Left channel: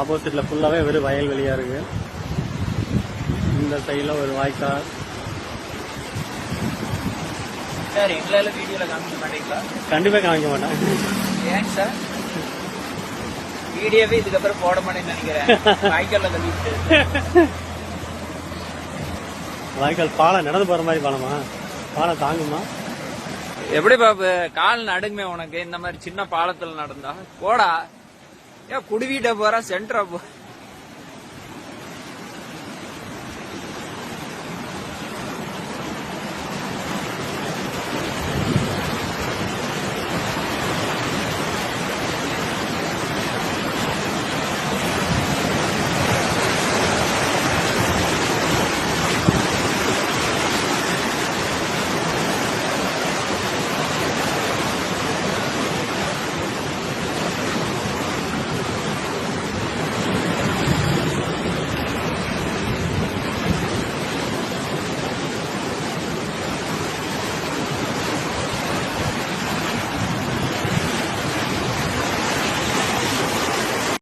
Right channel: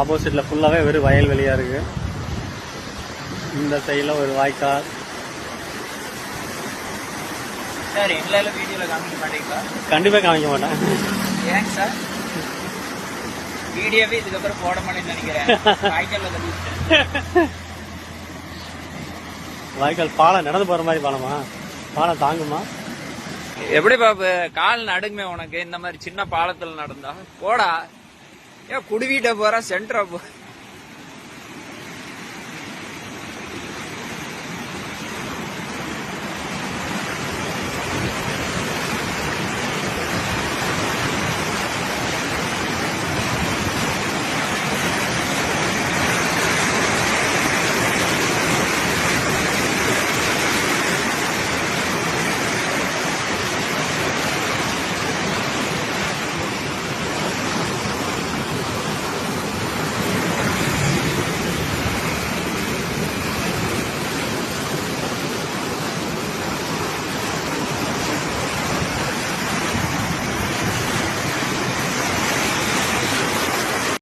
ஆப்போசிட்ல ஃபுல்லாவே வெறும் வயல்வெளியா இருக்கு. இந்த சைடுல ஒரு வாய்க்கால். சார் எங்களால வீடியோல காமிக்க மாட்டீங்களா? கண்டிப்பா காமிக்க மாட்டேன். ஏன் சார்? வீடியோவே இதுக்கப்புறம் போட மாட்டேன்னு நினைக்கிறேன். வாய்க்கால்ல தள்ளிட்டு. வாய்க்கால் பாலம் நடந்து போற மாதிரி பாலமா? பாலம் தாங்குமா? எப்படி பாப்பு கால் நடுங்குமே உனக்கு இந்த மாதிரி சின்ன பாலத்துல நடந்தா? போடா ஏன் குடிவீட்ட போற சென்டரா போ.